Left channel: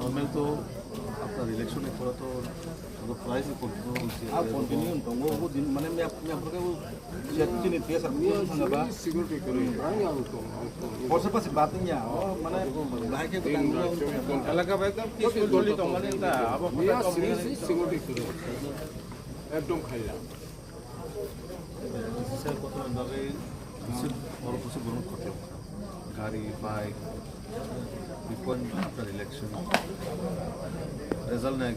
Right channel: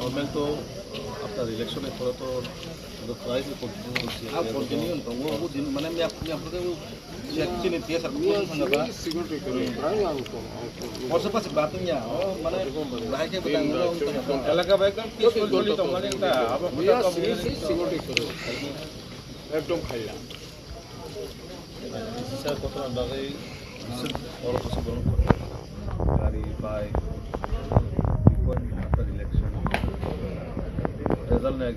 normal तो आपका election है थोड़ा तो प्राइस कंटिन्यू वो दिन मैंने मैं अपने आप को चेक नहीं दिया सब कुछ संगठन और सब कुछ बात नहीं है मैंने लाइक के बताऊंगा এলাকা একদম পিসফুল বলি তো মানে এটা আবার সিকিউরিটি করে একদম খাই স্যার কত আন্ডারে और কিছু বলুন গাড়ি বাইক বিপদ আপনার ইলেকশন রেজাল্ট নেই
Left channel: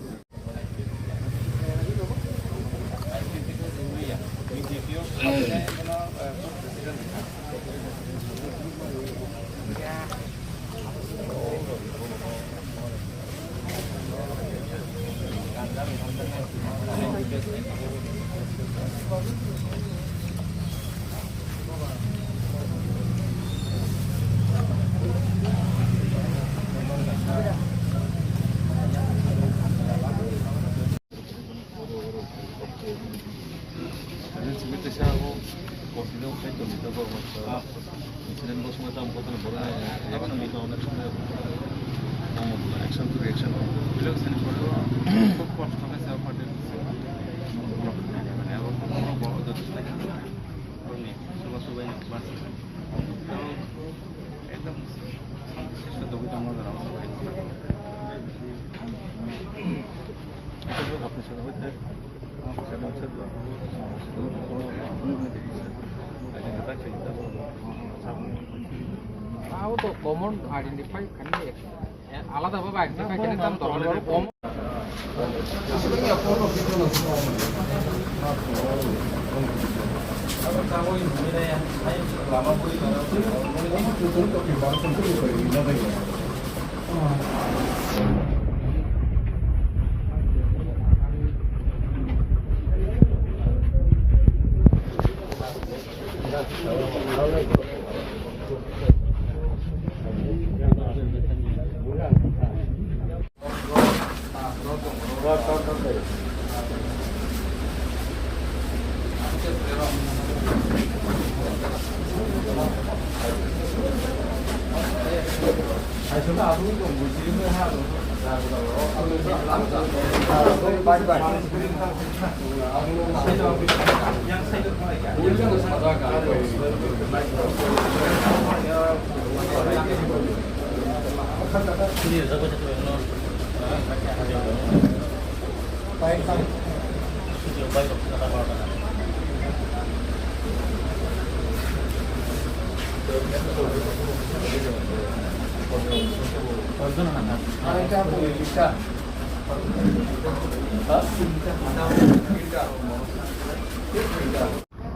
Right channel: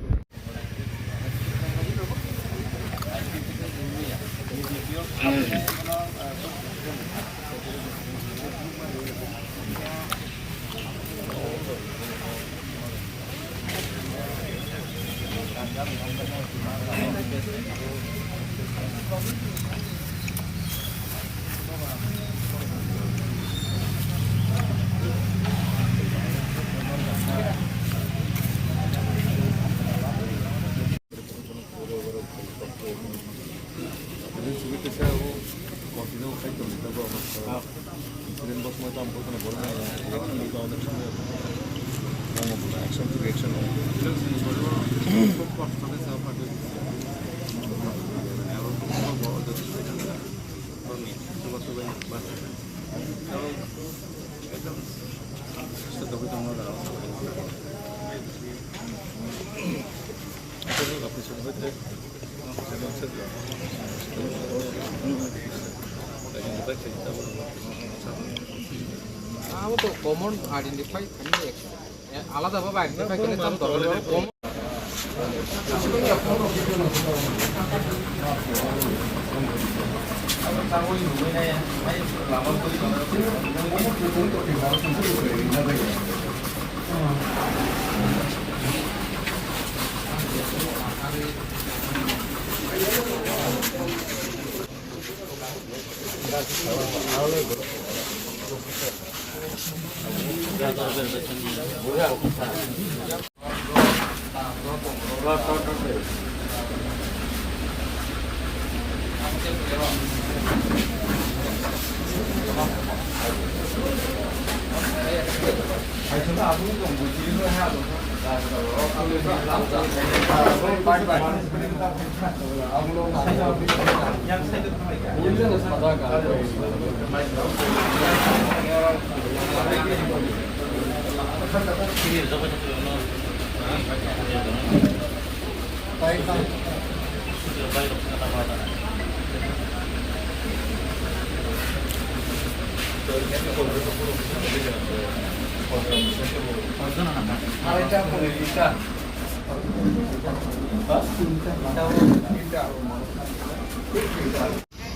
তাও তো কমন আইডেন্টিফাই আলাদাভাবে আইডেন্টিফাই করে তার দরকার কমন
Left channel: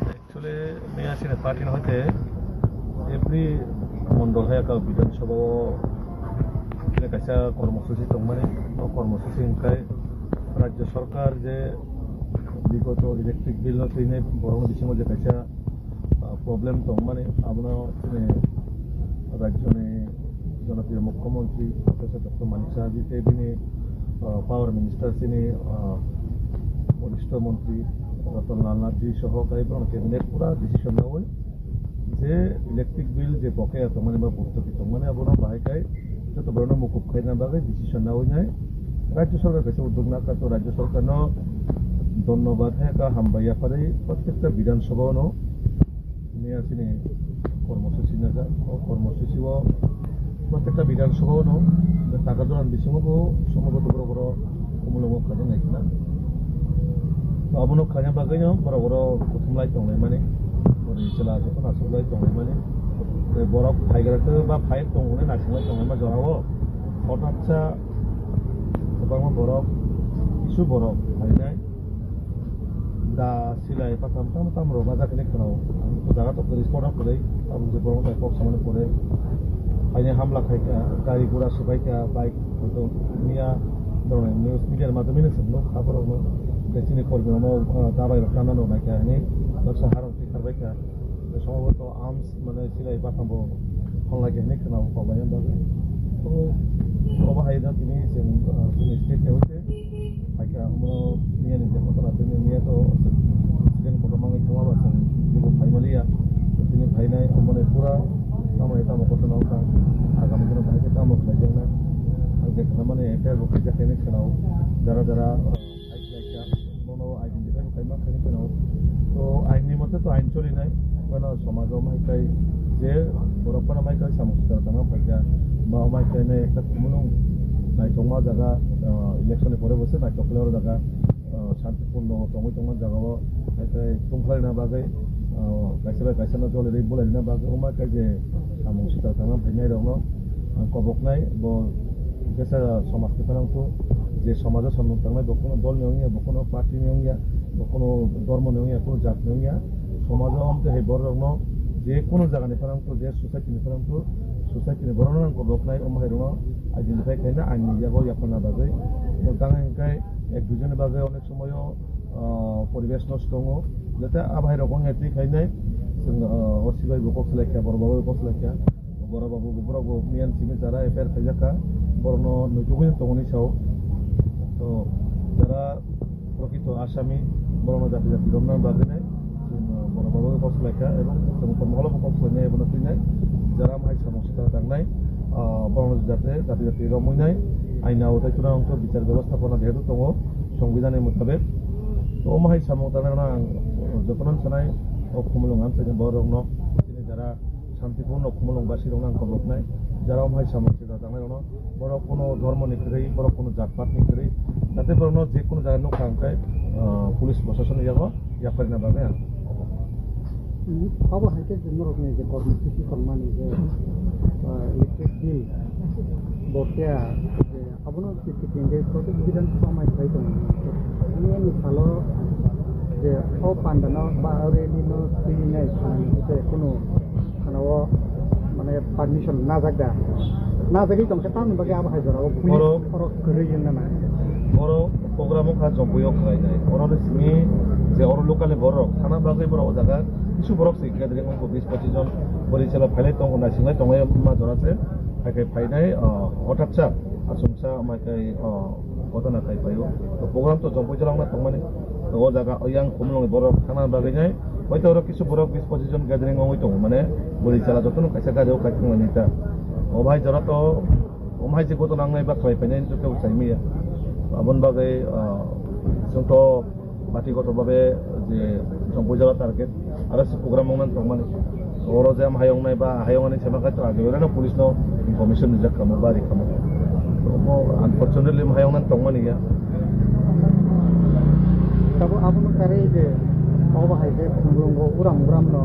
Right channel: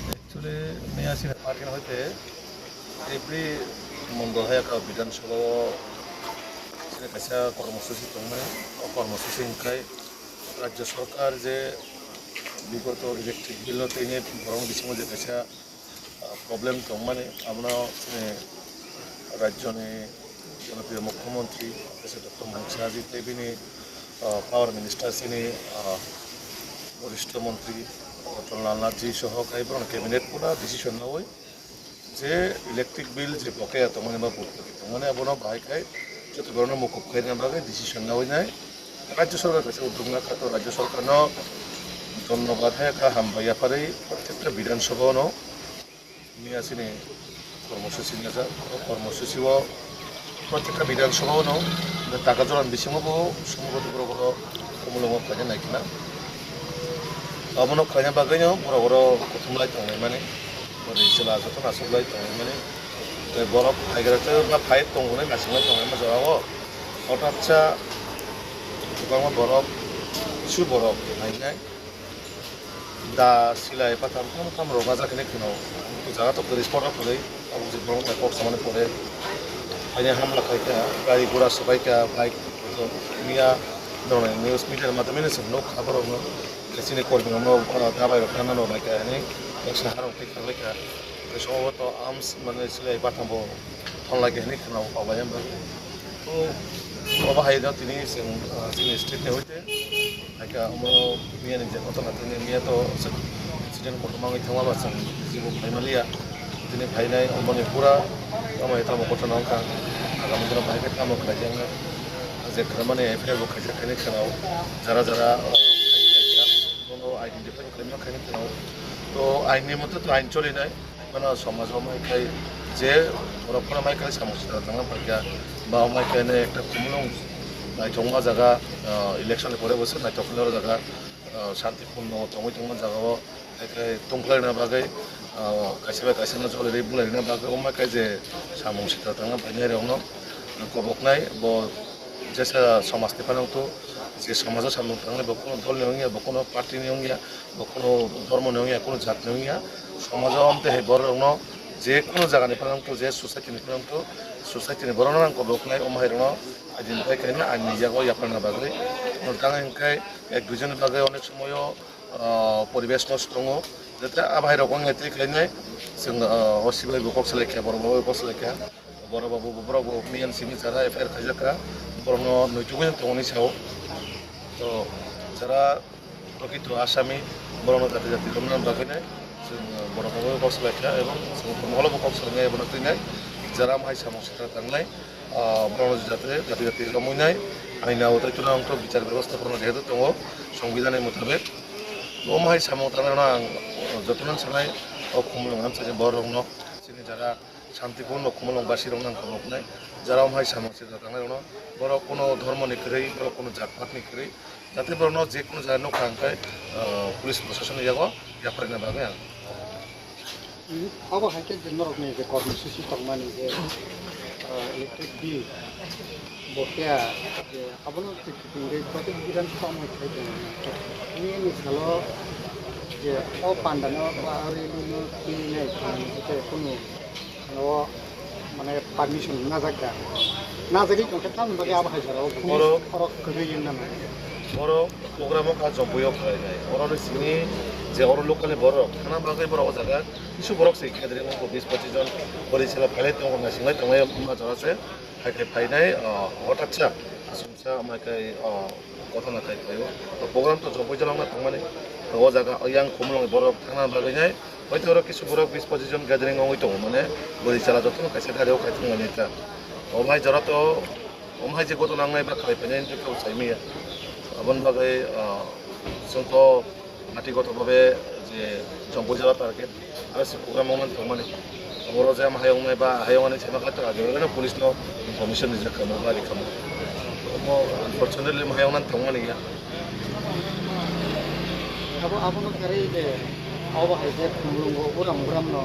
एक्चुअली मैं आसिना पार्टी होते एप्रि मंडल हायाका विधानसभा सिने कैसा कर्मसूची दं माने कर्मसूची इनकाय राज्य सरकार जे विगत इलेक्ट्रिक बिल तेने बरं बिथिङाव जे कैसा प्रब्लेम दं माने आमना राज्यनि জনপ্রিয় মুখ্যমন্ত্রী প্রফেসর ডক্টর মানিক সাহাজি তেবিনি পাওয়ার মিনিস্টার সিনি বরিষ্ঠ মন্ত্রী অটল নাথজি সহ কাইবরণ ক্যাবিনেট পুরা ডিসিশন নেওয়া যে ইলেকট্রিক বিল যে বকেয়া তমানে বা ভর্তুকি তমানে আবনো বাহাইকাই যত ধরনের মুকুব খাইনা বাকে ডিসিশন নেওয়া নাই রাজ্য সরকার কাছে উদ্যোগ না তো রাজ্য সরকারও ধন্যবাদ হ্যাঁ হামবাইয়া পারে প্রত্যেকটা বিধানসভাও নিয়ে আসিনি কর্মসূচি নিয়ে যা কর্মসূচিও প্রত্যেকটা বিধানসভাও টাকা জোরান বিসিমবো সম্ভবত বড় বড় কমলম খাইনা নাইকিনা আবনো খাইনা বাগাইও বড় বড় কুথুমলাই দंनाय माने ओरै जेला जथ' नासुबलाय दंनाय माने बरफ फायग्राथ' बा फाइट दंनाय नासुबलाय दंनाय मा जराव हठाৎसा गोबां बरफ কিছু बरफ फायनाय दा सिलाय पाथाम थाम रगा जाखिने खोनाव जागाथ' गोरै स्पटआव फरै आबु जे बरफ माय कक्स माने फरे फायनाय हामला खायका गारि घोड़ा सबायका बाइक मिया दंनाय निउज मिडिया माध्यमेनो जोंनो खबरावनो sini korban mau dabai rokana no mai ka ni eksa harong tikar baika সম্ভবত আর্মস মানে সিলাই পাঠাবো ফোন লাগে নি কেন পাবাই আমরা তো বাবা হাইদা তিনি তিনি স্টেটে হইতে আইকা আমরা মিয়া নিজে কত না তিনি মিয়া তো ইনসিডেন্ট করতে মাঙ্গি থামা বাসন জীবন ফাইনালিয়া তিনি ফাইনাই মানে পুরা আমায় তামো কত না কা আগামী দিনে ভাইকে কাম করে যাবে যে মানে এফআইআর বকে যে কেনে খেলাও যারা যারা আইডেন্টিফাই খাইনা খাইনি কেন তো আইনের মধ্যে তো আইন চলে নাই মানে সমাজও মাইকাই যে বরফনা মাইকাই সমস্যা থাকা পাইকা বা মাইকাইনে একটা কুমলং নাইথংমা জায়গা ইলেকশনে পরে বসে নাইথংলার জায়গা শান্তিপূর্ণ তঙै তঙै জায়গাও একাই তংখ্লাইনা বাগै গাইसेबा गाइसेना जलेरै बुलायना बागै माइकाय जे सामंसिता थाङा फाइनाय रंनो कबकनाय ब जैसा समाज निफानांगौ যে সমাজের সামনে থাকলে বা কোনো দল নেওয়া বা কোনো পার্টি নেওয়া বা কোনো ধর্ম নেওয়া কোনো জাত নেওয়া সমাজের অন্তে বড় যে কোনো জায়গা নিফানাংতো যে সোসাইটি নিফানাংতো সোসাইটিনি বড় নাংকো বকনাই অমাই রং আইডেন্টিফাই খাইনা আইন নিজাগো ইয়াপানা বাগৈ নটাঙা ইনকাই এক দুজন বাগৈ অনেক সময় পরিবেশ নষ্ট দङ যাতে আবাই রকম হেতে খাইনাই जों অসিবাই বকক সালাইখা বড়বাবু বকক সালাইখা বড়বাবু বড়বাবু মিয়ান সিমি যারা এফআইআর খাইজাকা বড়নো নৈতিকই দङनि सायाव তো যারা প্রকৃত আসামি বড় জাতি জাতি রমনান বাগিনায় जों বড়বাবু কক্সবাজার এবং जों মহলবো কক্সবাজার এবং তৈনায় যারা মাই সামসিতা থাंनाय বড় জাতি জাতি জাতি রমনায় আইনা অতৈতনা অংশ বিচার ব্যবস্থাপনা যেহেতু দङ সংবিধানের মোতাবেক তো মাই সামতানা যতন সানায় অকুমলং হামসাজে বড় রং যিনি যারা শান্তিপূর্ণ কুমলংবাসী রং আंखौ বকনাय যারা মাই সামসিতা থাंनाय রং বড় কোনো ধর্ম নিকरै বড় কোনো জাতপাত নিকरै যাতে বড় যে কোনো জায়গা নো খাंखाय পুলিশ প্রশাসন ইয়াগো ইয়াফারিনা বাগै आं अब हाइटे जिन्नरकनि जे कर्मसुचि तंमानि जे इलेक्ट्रिक बिल बकेया जे आबनो तिकिंगे प्रति विधानसभा माइथाय दङ नि मिसालो जे ओ पान्डानो बा रेलुनो किनाय जे कोनो माने पारमिशन नाजागा नाजागि दंखे ताम बागे आबा हाजाराव खरक गैयन नामा বড় প্রোগ্রামও কাজ জম্বইও খাইনাय অরর সিনি যে অর লোকালে বড় থানা বাগै বড় জায়গা কিছু বড় সেই খেদরে অঙ্ক 20-25 জন পরিচালক ফাইলাই দङ না সিংলাই দङ মা জরাছে হাইতে ফাইনাय হঠাৎসা আসুমসা আমাকাই ঘটনা খাই পাইও তো প্রোগ্রাম তো জম্বই জলাংনা দংমানে ও জায়গা ইয়াং কমলং বড় থানা বাগैनाय হয়তো ওরা কিছু বড় 20-25 জন গ্যাদারিং অঙ্গই দङ মানে পরিচালক যতন কাইসা গারিও খাইতংনাय নেতা ও ভাই জরা তো ওমহাই যে ঘটনা নাংনাय বা খাই পাইनाय তো চাইমিয়া আবন বাগै जोंथ' बाथिगतभावे जे जम्बई जला टार्गेट आरो प्रग्राम मावनानै दंमाने अराव जे हायावनाय बा हायावनाय सेमाखाथ' आगोलनो पुलिसनो इनफरमेशन रिजार्भ खालामो बा रिखामो आनफर्चुनेटलि हायावनानै दंमाने गैया तब आपनो करे जे अब हाइते खुंगो उराम उरामनो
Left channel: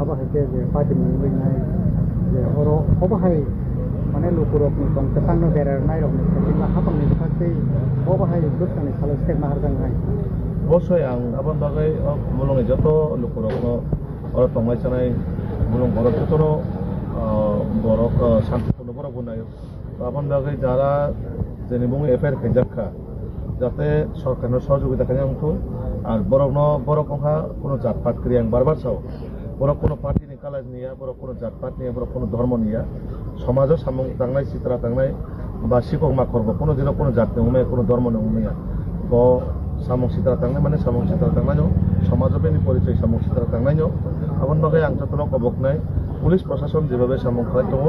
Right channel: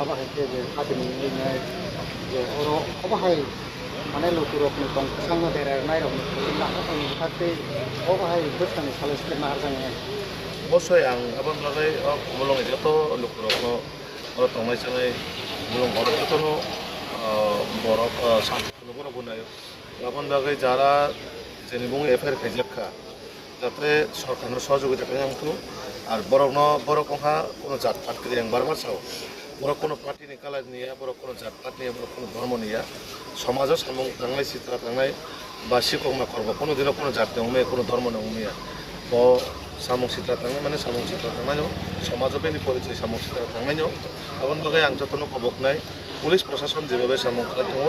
अब हाइते जे पार्टी मिलिनाय जे अरो अब हाइ माने लोकरकनि दंखा सांगा बेरायनाय लाखाफोरनि खाते अब हाइ गोथानि सलेस्टेट नारजांनाय অবশ্যই आं आबान बागै मुलुंनि যত लोकरकनो अर तंनाय सानाय मुलुं बरफ যতनो बरफ शान्तिपूर्ण बरफ बनाय आबान बागै যারা जेनि बुङो एफआइआर खाइजाखा যাতে সরকারनो সহযোগিতা খাইनांगौ আর বরফ বরফ কোনো জাতপাত করি आं बार बार साव বড় কোনো পার্টিনি কালার নিয়ে বড় কোনো জাতপাত নিয়ে বড় কোনো ধর্ম নিয়ে সমাজও সামুং তাंनाय সিতরা তাंनाय বা শিকক মা করব কোনো দিনও কোনো জাতি নংমে কোনো ধর্ম নংমিয়া ব সামুং সিতরা তাंनाय মানে সামুং সিতরা তাंनाय সমাজও বেনি পরিচয় সামুং সিতরা তাंनाय আবন বাগে আং যতন কবকনাय পুলিশ প্রশাসন যেভাবে সামুং খালাই দङ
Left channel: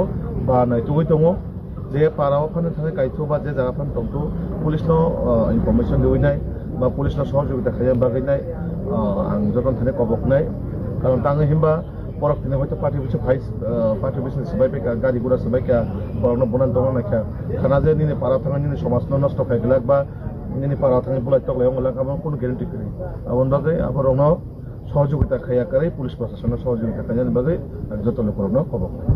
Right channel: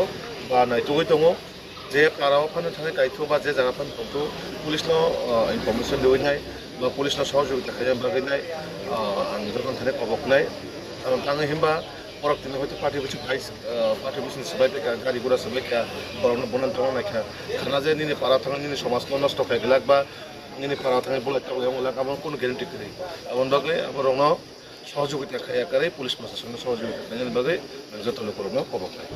বা নাইতুगै दङ যে পারাও ফানো थाखाय गायथु बा जे जागा फान दंथु पुलिसनो इनफरमेशन दिवैनाय बा पुलिसनो सहयोगिता खालाम बागैनाय आं जतन थानाय कबकनाय कारण ताङो हिमबा परक दिन हयतो party Vishu vice party Vishu सबाय बेका गाड़ी गुड़ा सबाय का परनो बनान दङ नायखा खाना जे निनि पारा थाङो निनि समाजनो नष्ट खायगलाक बा निनि पारा थाङो बुलाय तगलाय अंगलाक आबन कोनो ग्यारेन्टी करै आबन बागै आबरनो सहयोगिता खाया करे पुलिस प्रशासन सहयोगिता खायनि बागै जतन करनो कबकनाय